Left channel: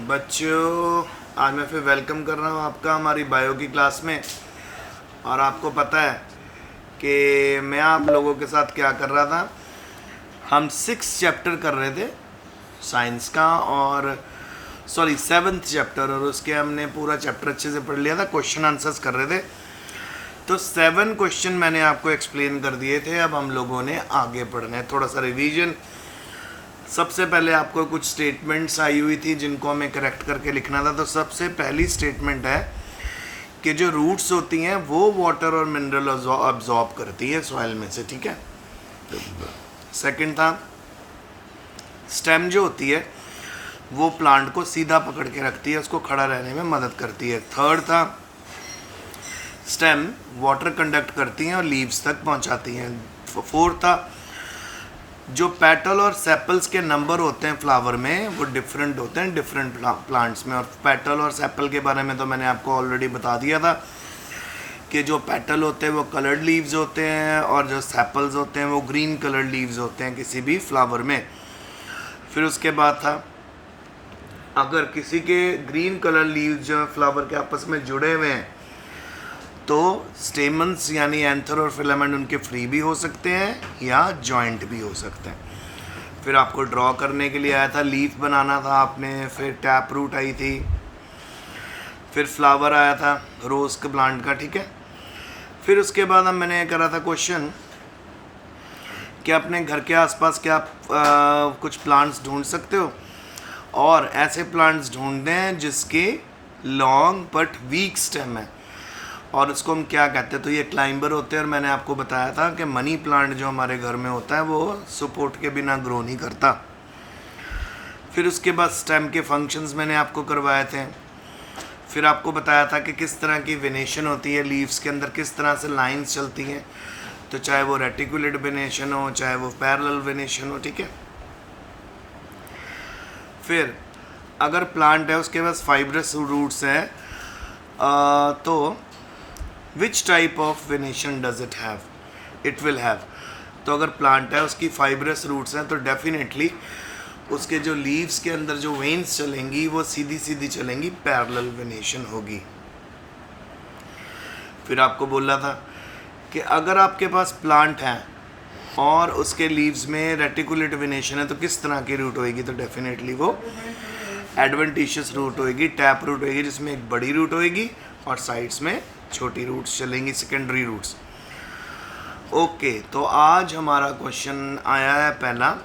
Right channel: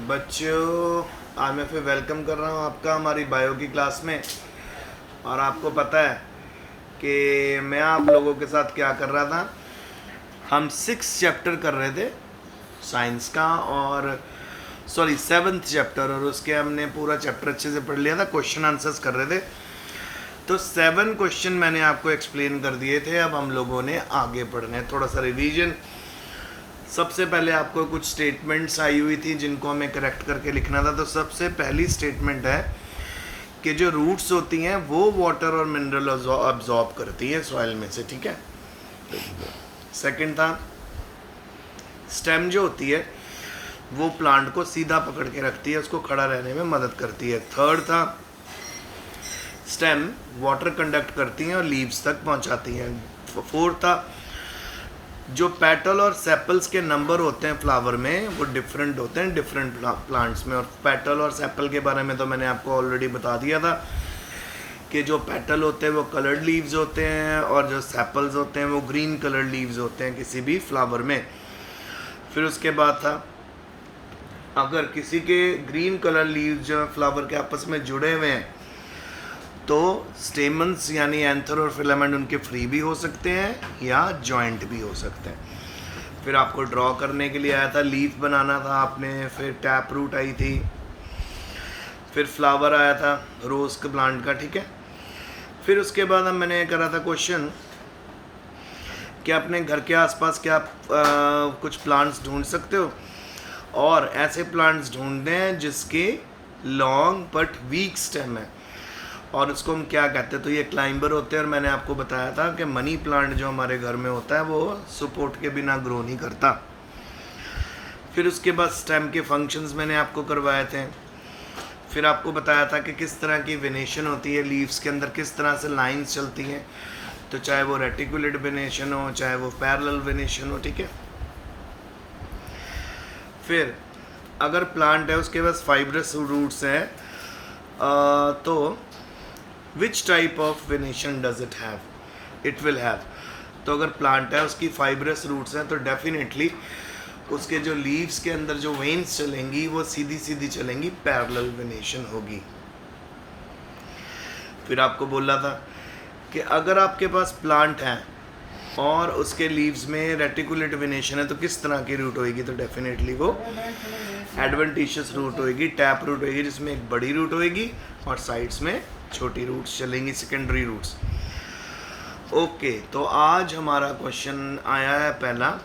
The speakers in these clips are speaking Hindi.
बच्चों, आज मैं फिर वेलकम कर रहा हूँ आपका हमारी बायो की क्लास में। और आपको पता है कि मैं आप लोगों के साथ क्या कर रहा था। हम 6 चैप्टर कर रहे थे साइंस का, और सॉरी 7th चैप्टर, और उसके हमने पूरा चैप्टर अच्छे से पढ़ लिया था। क्वेश्चन आंसर्स कर रहे थे, तो 7 क्वेश्चन मैंने आपको एक्सप्लेन कर दिए थे। अब हम लोगों ने आगे पढ़ना है, थोड़ा सा रिवीजन। सबसे पहले आपको कुछ स्टेटमेंट्स आई हुई थी जिनको हमें करेक्ट करके लिखना था। तो सबसे पहली स्टेटमेंट है कि जो रूट्स होती हैं वो वाटर और मिनरल अब्जॉर्ब करती है सॉइल में से, ठीक है। सेकंड था स्टेम जो होती है वो प्लांट को सीधा पकड़ के रखती है, उसको खड़ा रहने में मदद करती है। थर्ड था स्टेम वाटर कंडक्ट करती हैं और लीव्स तक पहुंचाती हैं। फोर्थ था जो पेटल और सेपल्स के नंबर होते हैं फ्लावर में वो डिफरेंट होते हैं डिफरेंट प्लांट्स में। और पेटल और सेपल के बारे में तो मैंने आपको ऑलरेडी बता दिया था कि जो पेटल होते हैं वो कलर्ड लीव्स होते हैं और जो सेपल्स होते हैं वो ग्रीन कलर्ड लीव्स होते हैं किसी भी फ्लावर में। फिर उसके बाद था अगर किसी के ग्रीन कलर लीव्स जो फ्लावर के आपस में जुड़े हुए हैं तो स्टेमन्स यानी एंथर और फिलामेंट उनके फ्री भी हो सकते हैं या जॉइंट भी हो सकते हैं। फिर आपको ड्रॉ करने के लिए आया था, लीफ बनाना था आपने। फिर टैप रूट आई थी। फिर फ्लावर आया था रोज़ के प्लांट का, ठीक है। फिर उसके बाद हम मैंने करा था क्वेश्चन कि अपने घर के आसपास क्या आप कुछ प्लांट्स ढूंढ सकते हो, और ऐसे प्लांट्स ढूंढते हैं जिसके लॉन्ग बट वीक स्टेम है, और उसको हम क्या कहते हैं। तो ये क्लाइंबर होते हैं। और मैंने आपको बताया था कि मनी प्लांट जो हमारे घर में होता है वो सपोर्ट के बिना ग्रो नहीं करता। फिर उसके बाद स्टेम के फंक्शंस मैंने आपको करवाए थे। फिर आपको बताया था कि किस तरह की वेनेशन होती है लीव्स के अंदर, किस तरह से लाइंस चलती हैं। तो चाहे वो रेटिकुलेट वेनेशन हो चाहे वो पैरेलल वेनेशन हो, ठीक है। फिर अगर प्लांट है उसके पास फाइब्रस रूट्स हैं तो which type of venation does it have, it will have. तो अगर प्लांट है उसकी फाइब्रस रूट्स हैं तो डेफिनेटली उसके जो लीव्स के अंदर जो वेन्स चलेंगी वो सीधी सीधी चलेंगी, पैरेलल वेनेशन होगी। फिर आपको बोला था कि अगर आपके पास प्लांट है और उसके लीव्स में रेटिकुलेट वेनेशन है तो किस तरह की रूट होएगी। तो डेफिनेटली वो एडवेंटिशियस रूट होएगी, टैप रूट होएगी, जिसमें एक बड़ी रूट होएगी और साइड्स में छोटी रूट्स चलेंगी, सेकेंडरी रूट्स। ओके, तो आज हमारा क्वेश्चन आया है पहला,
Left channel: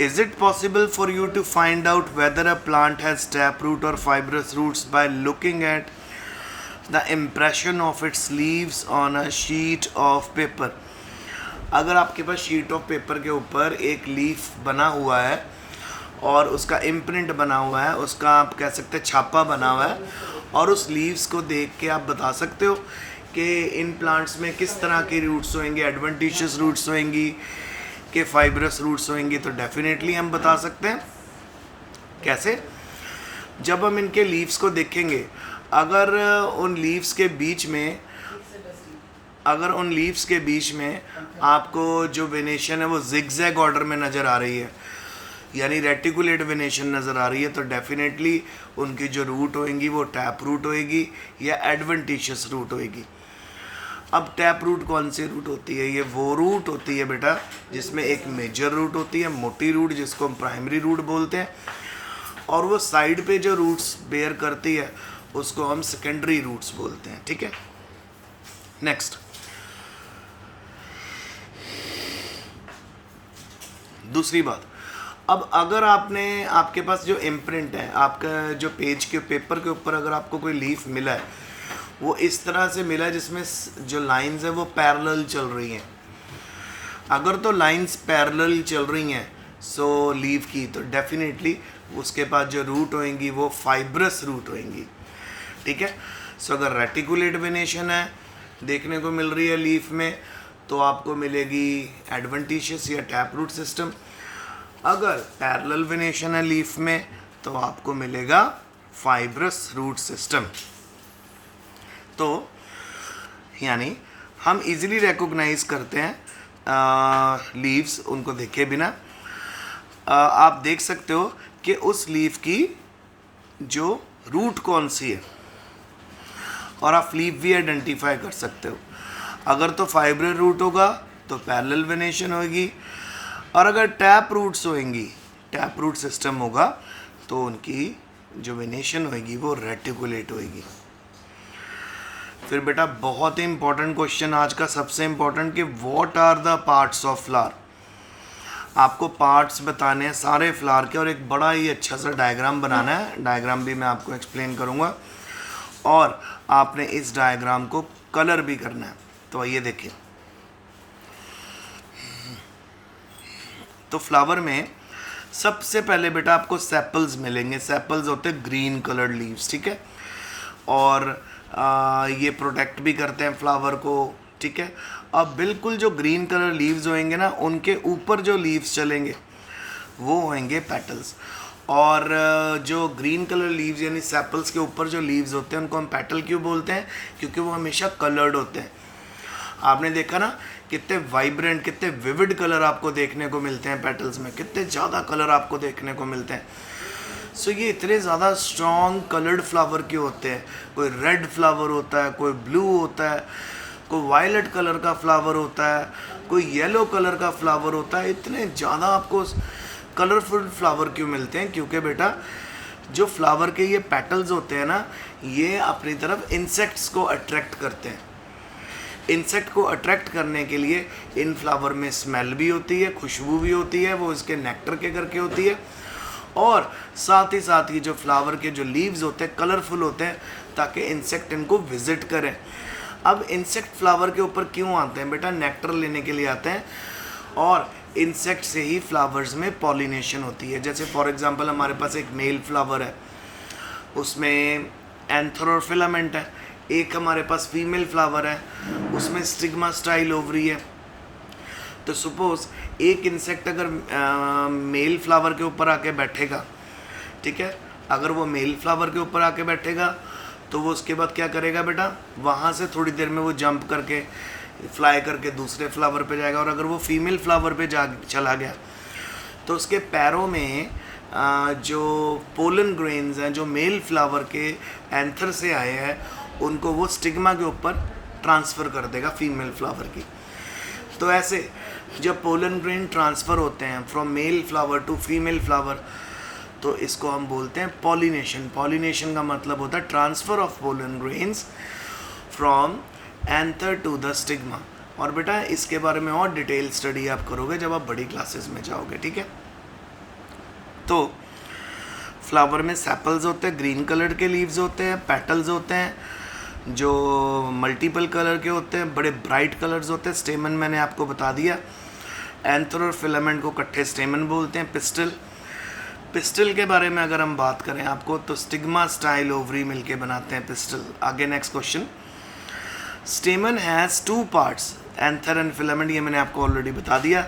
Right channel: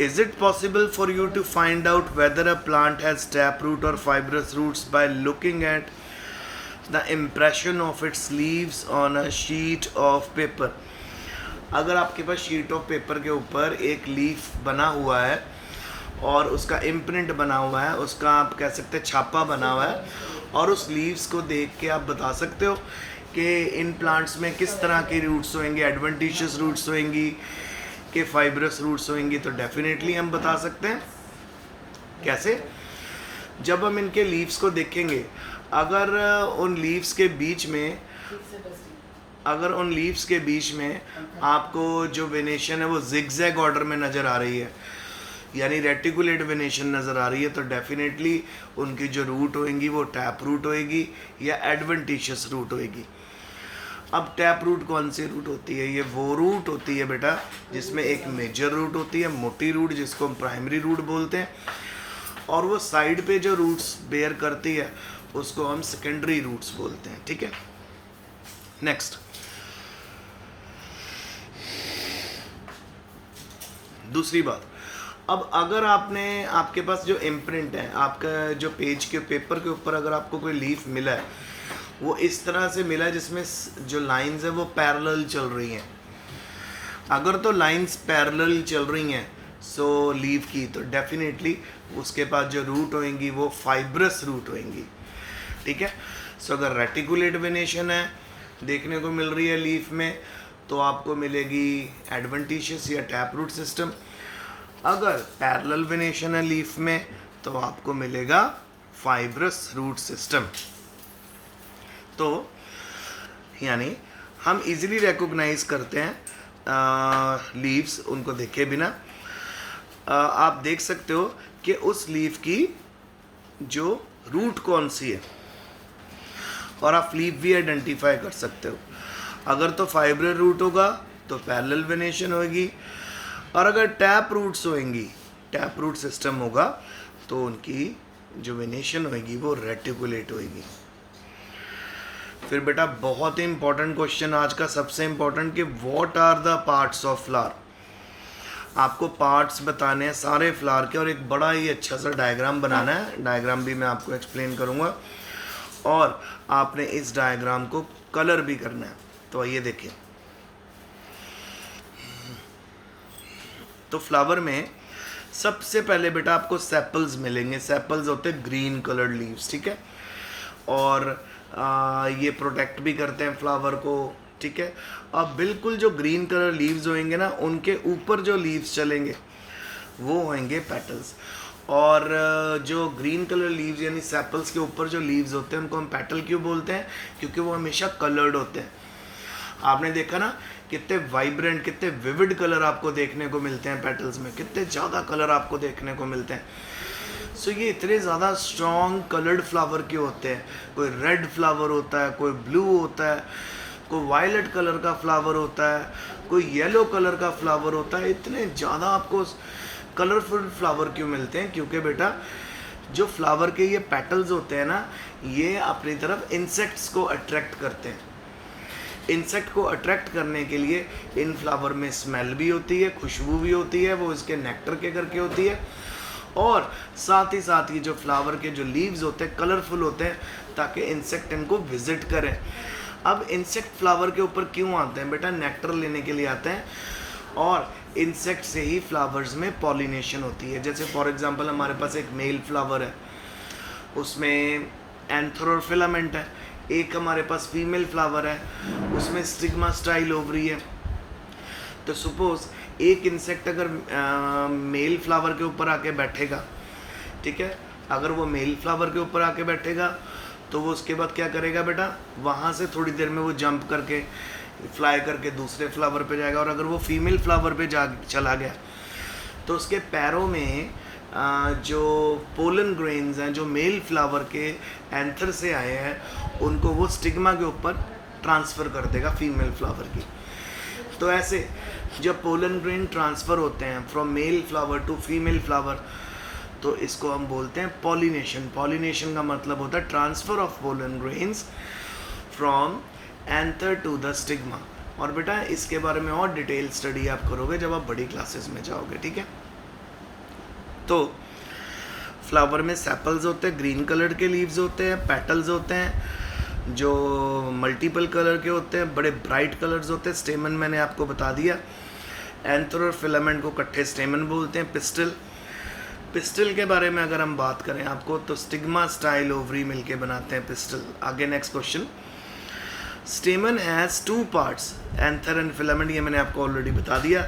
is it possible for you to find out whether a plant has taproot और fibrous roots by looking at the impression of its leaves on a sheet of paper. अगर आपके पास शीट ऑफ पेपर के ऊपर एक लीफ बना हुआ है और उसका इम्प्रिंट बना हुआ है, उसका आप कह सकते हैं छापा बना हुआ है, और उस लीव्स को देख के आप बता सकते हो कि इन प्लांट्स में किस तरह के रूट्स होंगे, एडवेंटिशियस रूट्स होंगी कि फाइब्रस रूट्स होंगी। तो डेफिनेटली हम बता सकते हैं। कैसे? जब हम इनके लीव्स को देखेंगे, अगर उन लीव्स के बीच में आपको जो वेनेशन है वो जिगजैग ऑर्डर में नज़र आ रही है, यानी रेटिकुलेट वेनेशन नज़र आ रही है, तो डेफिनेटली उनकी जो रूट होएंगी वो टैप रूट होएगी या एडवेंटिशियस रूट होएगी। अब टैप रूट कौन सी रूट होती है? ये वो रूट होती है बेटा जिसमें एक मेजर रूट होती है, मोटी रूट, जिसको हम प्राइमरी रूट बोलते हैं, और वो साइड पे जो रूट्स बेयर करती है उसको हम सेकेंडरी रूट्स बोलते हैं, ठीक है। नेक्स्ट, दूसरी बात, अब अगर आपके पास जो इम्प्रिंट है, आपका जो पेज के पेपर के ऊपर अगर आपको कोई लीफ मिला है वो इस तरह से मिला है जिसमें जो लाइंस है वो पैरेलल चल रही हैं। अगर तो लाइंस पैरेलल चल रही हैं सो लीफ की, तो डेफिनेटली उसके पास जो रूट होएंगी वो फाइब्रस रूट होएंगी, ठीक है। सो अगर रेटिकुलेट वेनेशन है देखने को मिल रही है लीफ में तो आपको मिलेगी एडवेंटिशियस या टैप रूट सिस्टम। अगर पैरेलल वेनेशन है लीफ में तो आपको मिलेगा फाइब्रस रूट सिस्टम। तो यानी हम इजीली रिकॉग्नाइज करते हैं लीव्स उनको देखे बिना। आप देख सकते हो कि उस लीफ की जो रूट कौन सी है, और आप लीफ भी आइडेंटिफाई कर सकते हो। अगर तो फाइब्रल रूट होगा तो पैरेलल वेनेशन होगी, और अगर टैप रूट्स होंगी, टैप रूट सिस्टम होगा, तो उनकी जो वेनेशन होगी वो रेटिकुलेट होगी। फिर बेटा बहुत ही इंपॉर्टेंट क्वेश्चन आज का, सबसे इंपॉर्टेंट, कि what are the parts of flower. आपको पार्ट्स बताने हैं सारे फ्लावर के, और एक बड़ा ही अच्छा सा डायग्राम बनाना है। डायग्राम भी मैं आपको एक्सप्लेन करूँगा, और आपने इस डायग्राम को कलर भी करना है। तो आइए देखिए। तो फ्लावर में सबसे पहले बेटा आपको सेपल्स मिलेंगे। सेपल्स होते हैं ग्रीन कलर्ड लीव्स, ठीक है, और ये प्रोटेक्ट भी करते हैं फ्लावर को, ठीक है। अब बिल्कुल जो ग्रीन कलर लीव्स होंगे ना, उनके ऊपर जो लीव्स चलेंगे वो होंगे पेटल्स। और जो ग्रीन कलर लीव्स यानी सेपल्स के ऊपर जो लीव्स होते हैं उनको हम पेटल क्यों बोलते हैं? क्योंकि वो हमेशा कलर्ड होते हैं। आपने देखा ना कितने वाइब्रेंट, कितने विविड कलर आपको देखने को मिलते हैं पेटल्स में, कितने ज़्यादा कलर आपको देखने को मिलते हैं। सो ये इतने ज़्यादा स्ट्रॉन्ग कलर्ड फ्लावर क्यों होते हैं? कोई रेड फ्लावर होता है, कोई ब्लू होता है, कोई वायलेट कलर का फ्लावर होता है, कोई येलो कलर का फ्लावर होता है। इतने ज़्यादा आपको कलरफुल फ्लावर क्यों मिलते हैं? क्योंकि बेटा जो फ्लावर के ये पेटल्स होते हैं ना, ये अपनी तरफ इंसेक्ट्स को अट्रैक्ट करते हैं। इंसेक्ट को अट्रैक्ट करने के लिए इन फ्लावर में स्मेल भी होती है, खुशबू भी होती है, वो इसके नेक्टर के करके होती है, और साथ ही जो फ्लावर के जो लीव्स होते हैं कलरफुल होते हैं ताकि इंसेक्ट इनको विजिट करें। अब इंसेक्ट फ्लावर के ऊपर क्यों आते हैं बेटा? नेक्टर लेने के लिए आते हैं, और इंसेक्ट से ही फ्लावर्स में पॉलिनेशन होती है। जैसे फॉर एग्जांपल हमारे पास एक मेल फ्लावर है, उसमें एंथर और फिलामेंट है। एक हमारे पास फीमेल फ्लावर है, उसमें स्टिग्मा स्टाइल ओवरी है। तो सपोज एक इंसेक्ट अगर मेल फ्लावर के ऊपर आके बैठेगा, ठीक है, अगर वो मेल फ्लावर के ऊपर आके बैठेगा तो वो उसके बाद क्या करेगा बेटा? वहाँ से थोड़ी देर में वो जंप करके फ्लाई करके दूसरे फ्लावर पे जाएगा, और अगर वो फीमेल फ्लावर पे चला गया तो उसके पैरों में जो पोलन ग्रेन्स हैं जो मेल फ्लावर के एंथर से आए हैं, उनको वो स्टिग्मा के ऊपर ट्रांसफ़र कर देगा फीमेल फ्लावर की। तो ऐसे जब पोलन ग्रेन ट्रांसफ़र होते हैं from male flower to female flower, तो इसको हम बोलते हैं पॉलिनेशन। पॉलिनेशन का मतलब होता है transfer of pollen grains from anther to the stigma. और बेटा इसके बारे में और डिटेल स्टडी आप करोगे जब आप बड़ी क्लासेस में जाओगे, ठीक है। तो फ्लावर में सेपल्स होते हैं, ग्रीन कलर के लीव्स होते हैं, पेटल्स होते हैं जो मल्टीपल कलर के होते हैं, बड़े ब्राइट कलर्स होते हैं। स्टेमन मैंने आपको बता दिया, एंथर और फिलामेंट को इकट्ठे स्टेमन बोलते हैं। पिस्टल, पिस्टल के बारे में अगर हम बात करें आपको, तो स्टिग्मा स्टाइल ओवरी मिलके बनाते हैं पिस्टल। आगे next question. स्टेमन has 2 parts, anther and filament, ये मैंने आपको ऑलरेडी बता दिया,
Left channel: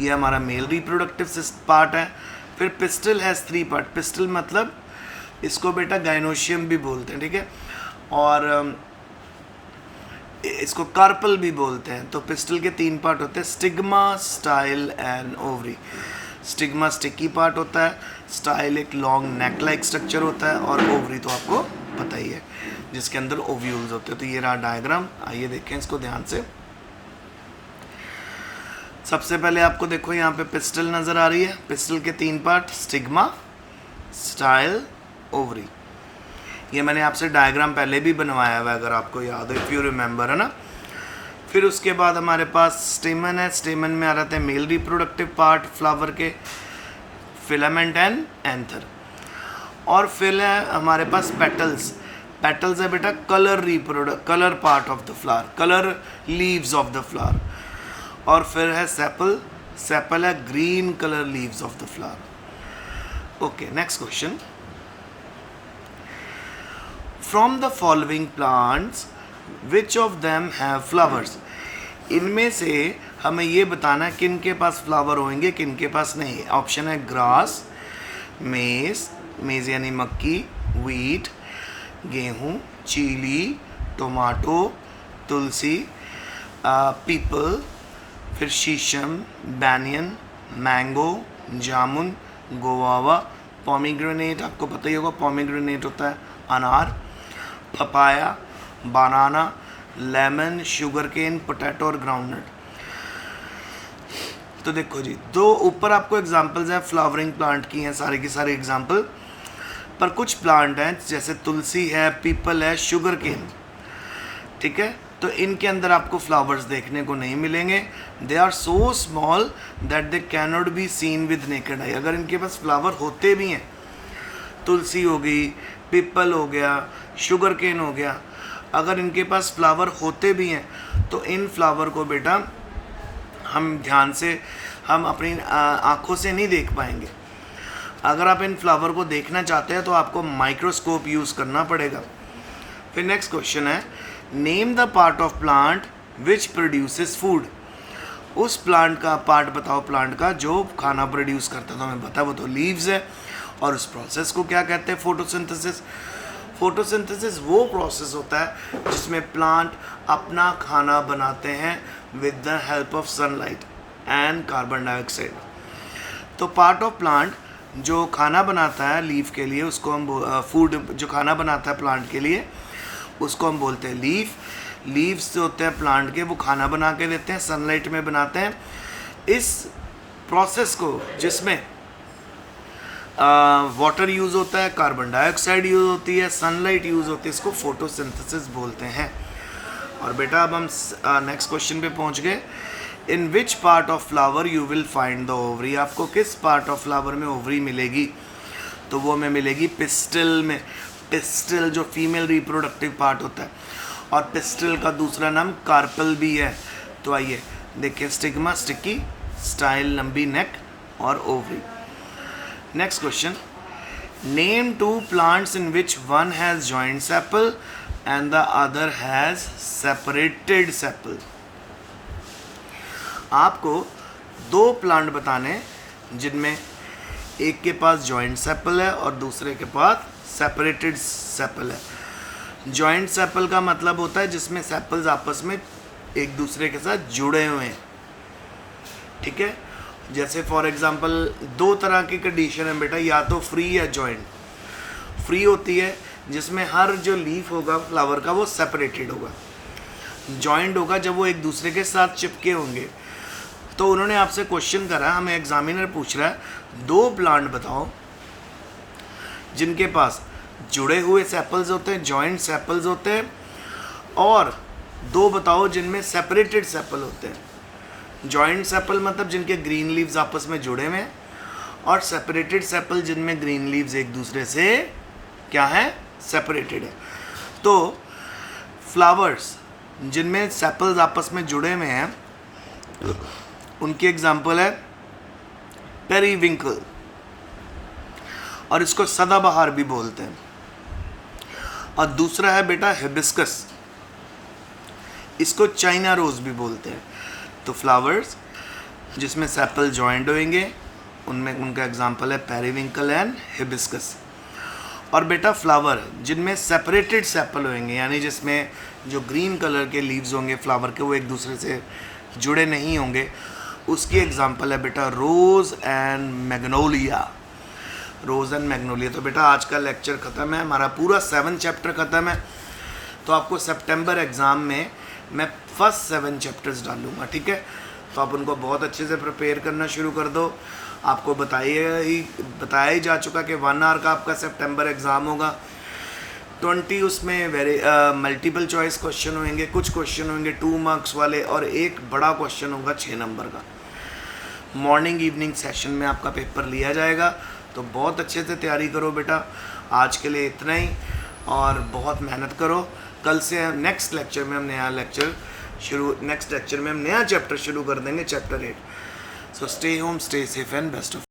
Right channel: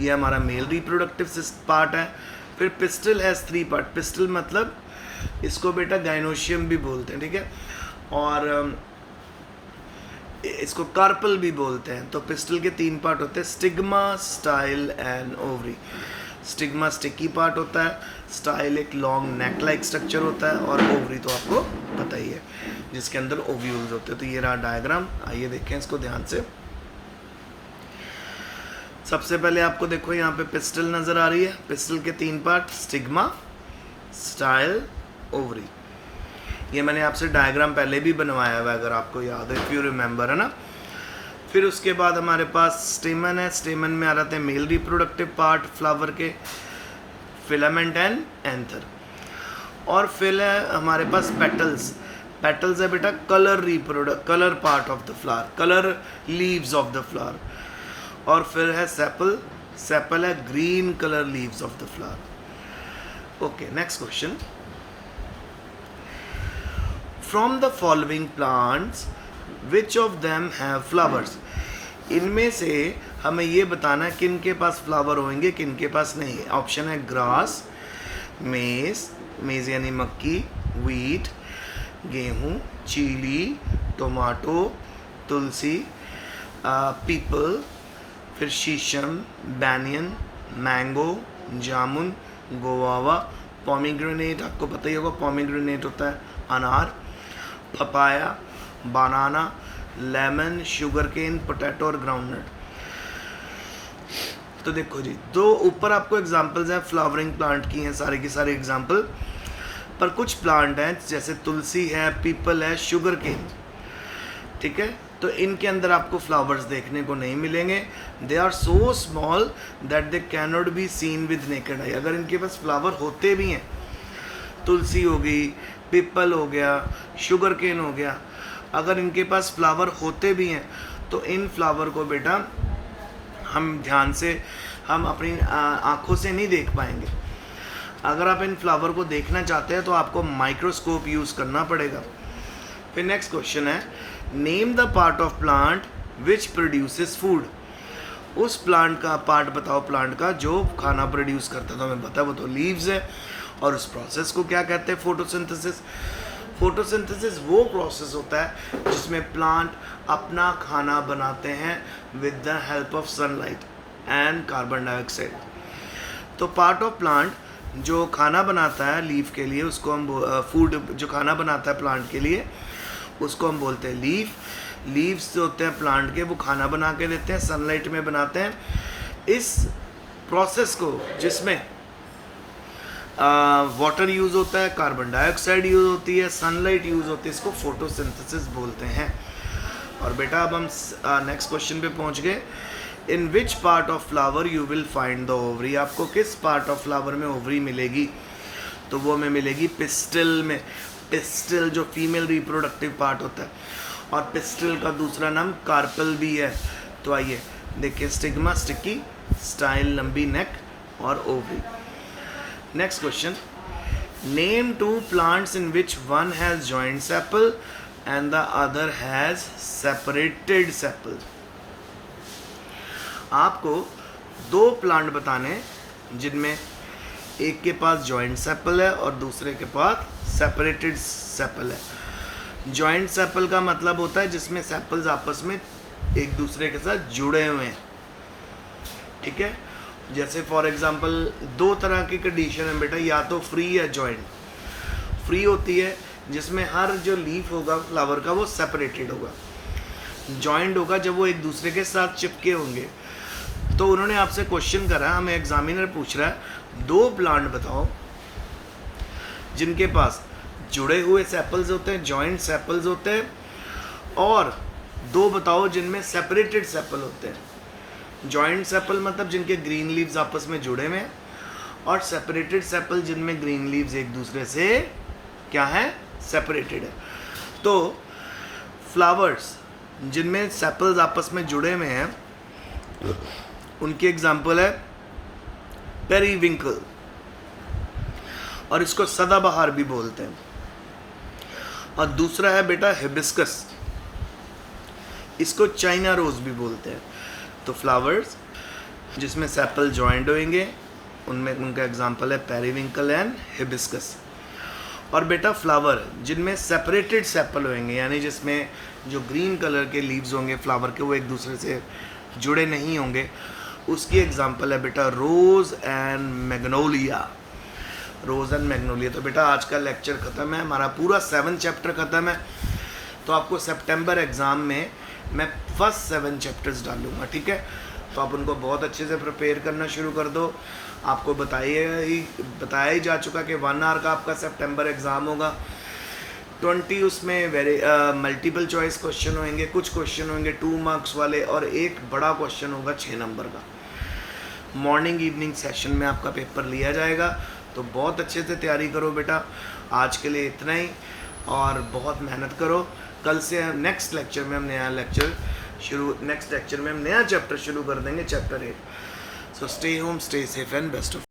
ये हमारा मेल रिप्रोडक्टिव पार्ट है। फिर पिस्टल हैज़ 3 पार्ट, पिस्टल मतलब इसको बेटा गाइनोशियम भी बोलते हैं, ठीक है, और इसको कार्पल भी बोलते हैं। तो पिस्टल के 3 पार्ट होते हैं, stigma, style and ovary. Stigma sticky part होता है, स्टाइल एक लॉन्ग नेक लाइक स्ट्रक्चर होता है, और ओवरी तो आपको पता ही है जिसके अंदर ओव्यूल्स होते हैं। तो ये रहा डायग्राम, आइए देखें इसको ध्यान से। सबसे पहले आपको देखो यहाँ पे पिस्टल नज़र आ रही है। पिस्टल के 3 पार्ट, स्टिग्मा, स्टाइल, ओवरी। ये मैंने आपसे डायग्राम पहले भी बनवाया हुआ है अगर आपको याद है, इफ यू रिमेंबर, है ना। फिर उसके बाद हमारे पास स्टेमन है, स्टेमन में आ रहे हैं मेल रिप्रोडक्टिव पार्ट फ्लावर के, फिलामेंट एंड एंथर। और फिर है हमारे पास पेटल्स। पेटल्स है बेटा colour part of the flower, colour leaves of the flower. और फिर है सेपल, सेपल है green colour leaves of the flower. Okay, next question. From the following plants which of them have flowers, इनमें से हमें ये बताना है किन के पास फ्लावर होंगे किन के पास नहीं। ऑप्शन है ग्रास, मेज, मेज यानी मक्की, वीट, गेहूँ, चीली, टोमाटो, तुलसी, पीपल, फिर शीशम, बैनियन, मैंगो, जामुन, गोवावा, पोमीग्रेनेट आपको पता ही होगा, पोमीग्रेनेट होता है अनार, पपाया, बनाना, लेमन, शुगर केन, पोटैटो और ग्राउंडनट। तो देखो जी, दो ऊपर आपको एग्जांपल्स हैं फ्लावरिंग प्लांट की हैं, सारे की सारे एग्जांपल, पर कुछ प्लांट हैं जैसे तुलसी है, पीपल है, शुगर केन, ठीक है, तो इनके अंदर आपको फ्लावर्स देखने को नहीं मिलेंगे। They are so small that they can not be seen with naked eye. अगर इनके पास फ्लावर होते भी हैं, तुलसी हो गई, पीपल हो गया, शुगर केन हो गया, अगर इनके पास फ्लावर होते भी हैं तो इन फ्लावर को बेटा हम ध्यान से, हम अपनी आँखों से नहीं देख पाएंगे। अगर आप इन फ्लावर को देखना चाहते हैं तो आपको माइक्रोस्कोप यूज़ करना पड़ेगा। फिर नेक्स्ट क्वेश्चन है, name the part of plant which produces food. उस प्लांट का पार्ट बताओ, प्लांट का जो खाना प्रोड्यूस करता है। तो हमें पता है वो तो लीव्स है, और उस प्रोसेस को क्या कहते हैं? फोटोसिंथेसिस। फोटोसिंथेसिस वो प्रोसेस होता है जिसमें प्लांट अपना खाना बनाते हैं with the help of sunlight and carbon dioxide. तो पार्ट ऑफ प्लांट जो खाना बनाता है लीफ के लिए, उसको हम फूड जो खाना बनाता है प्लांट के लिए, उसको हम बोलते हैं लीफ। लीव्स जो होते हैं प्लांट के, वो खाना बना के देते हैं, सनलाइट में बनाते हैं। इस प्रोसेस को जिसमें वाटर यूज़ होता है, कार्बन डाइऑक्साइड यूज़ होती है, सनलाइट यूज़ होती है, इसको फोटोसिंथेसिस बोलते हैं। और बेटा अब हम नेक्स्ट क्वेश्चन पे पहुंच गए। In which part of flower you will find the ovary. आपको किस पार्ट ऑफ फ्लावर में ओवरी मिलेगी? तो वो हमें मिलेगी पिस्टिल में। पिस्टिल जो फीमेल रिप्रोडक्टिव पार्ट होता है, और पिस्टिल का दूसरा नाम कार्पल भी है। तो आइए देखिए, स्टिग्मा, स्टिकी, स्टाइल, लंबी नेक और ovary. Next question, name two plants in which one has joint sepal and the other has separated sepal. आपको दो प्लांट बताने जिनमें एक के पास जॉइंट सेपल है और दूसरे के पास सेपरेटेड सेपल है। जॉइंट सेपल का मतलब होता है जिसमें सेपल्स आपस में एक दूसरे के साथ जुड़े हुए हैं, ठीक है। जैसे फॉर एग्जांपल दो तरह की कंडीशन है बेटा, या तो फ्री या जॉइंट। फ्री होती है जिसमें हर जो लीफ होगा फ्लावर का वो सेपरेटेड होगा। जॉइंट होगा जब वो एक दूसरे के साथ चिपके होंगे। तो उन्होंने आपसे क्वेश्चन करा, हमें एग्जामिनर पूछ रहा है, दो प्लांट बताओ जिनके पास जुड़े हुए सेपल्स होते हैं, जॉइंट सेपल्स होते हैं, और दो बताओ जिनमें सेपरेटेड सेपल होते हैं। जॉइंट सेपल मतलब जिनके ग्रीन लीव्स आपस में जुड़े हुए हैं, और सेपरेटेड सेपल जिनमें ग्रीन लीव्स एक दूसरे से क्या है? सेपरेटेड है। तो फ्लावर्स जिनमें सेपल्स आपस में जुड़े हुए हैं उनकी एग्जाम्पल है पेरीविंकल, और इसको सदाबहार भी बोलते हैं। और दूसरा है बेटा हिबिस्कस, इसको चाइना रोज भी बोलते हैं। तो फ्लावर्स जिसमें सेपल जॉइंट होंगे उनमें उनका एग्जाम्पल है पेरीविंकल एंड हिबिस्कस। और बेटा फ्लावर जिनमें सेपरेटेड सेपल होंगे, यानी जिसमें जो ग्रीन कलर के लीव्स होंगे फ्लावर के वो एक दूसरे से जुड़े नहीं होंगे, उसकी एग्जांपल है बेटा rose and magnolia. Rose and magnolia. तो बेटा आज का लेक्चर ख़त्म है, हमारा पूरा 7 चैप्टर ख़त्म है। तो आपको सितंबर एग्ज़ाम में मैं फर्स्ट 7 चैप्टर्स डालूँगा, ठीक है। तो आप उनको बहुत अच्छे से प्रिपेयर करना शुरू कर दो। आपको बताया ही जा चुका कि 1 आवर का आपका सितंबर एग्ज़ाम होगा। 20 उसमें मल्टीपल चॉइस क्वेश्चन होंगे, कुछ क्वेश्चन होंगे 2 मार्क्स वाले, और एक बड़ा क्वेश्चन होगा 6 नंबर का। मॉर्निंग इवनिंग सेशन में आपका पेपर लिया जाएगा। तो बहुत अच्छे से तैयारी करो बेटा। आज के लिए इतना ही, और बहुत मेहनत करो। कल से नेक्स्ट लेक्चर में हम नया चैप्टर शुरू कर देंगे, chapter 8। So stay home, stay safe and best of